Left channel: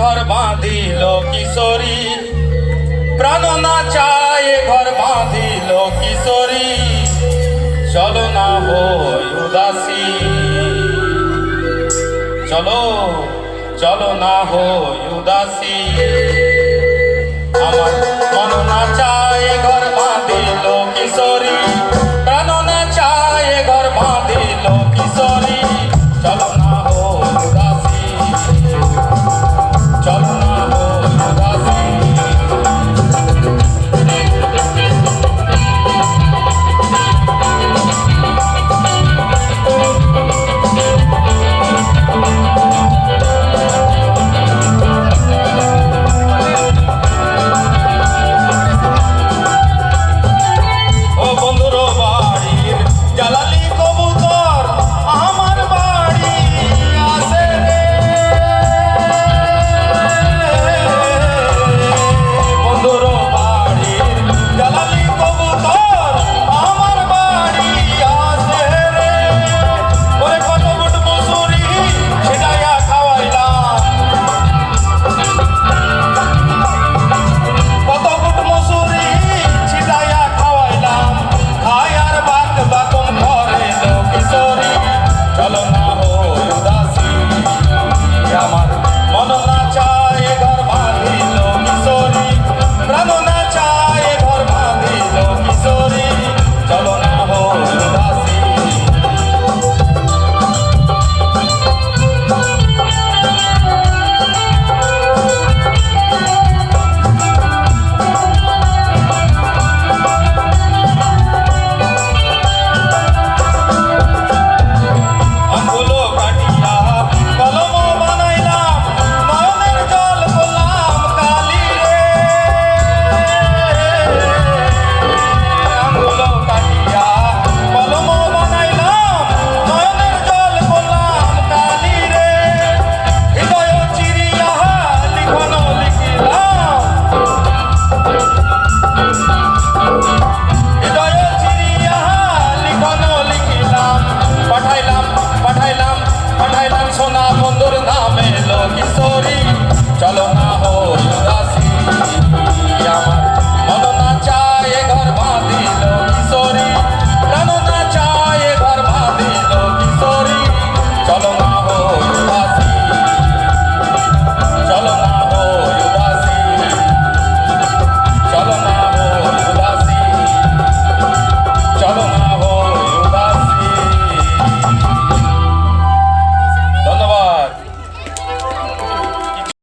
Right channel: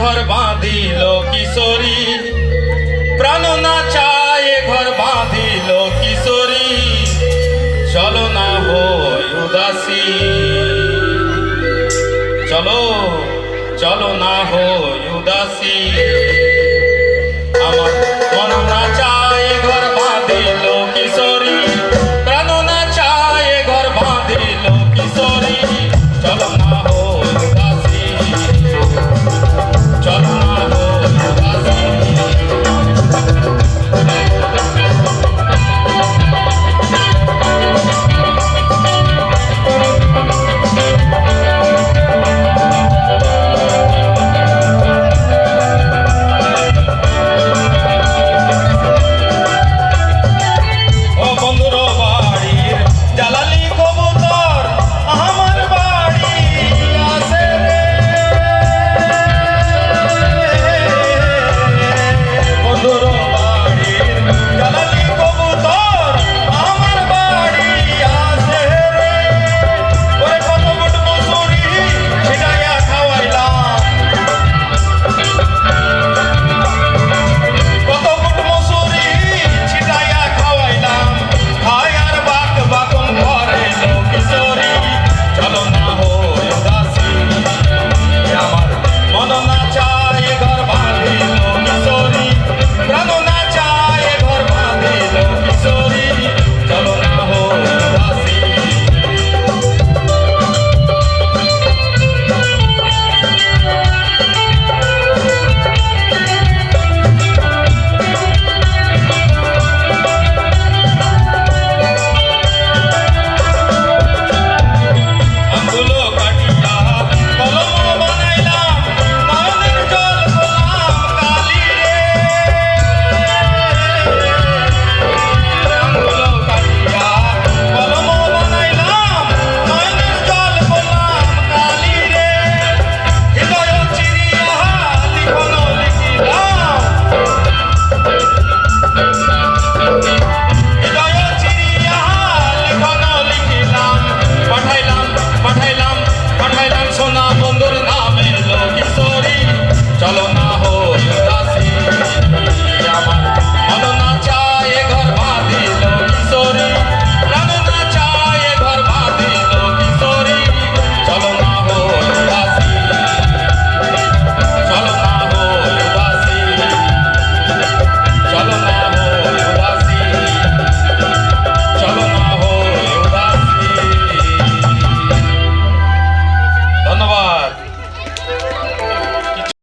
ঘর বাঁধিল কিশোরী, প্রাণ না চায় ঘর বাঁধিল কিশোরী, চলো না হই উদাসী, চলো চলো না হই উদাসী। আমার মন না চায় ঘর বাঁধিল কিশোরী, প্রাণ না চায় ঘর বাঁধিল কিশোরী, চলো না হই উদাসী, চলো না হই উদাসী। পাঠাইলাম সোনা বন্ধুর নামে লো কিশোরী, চলো না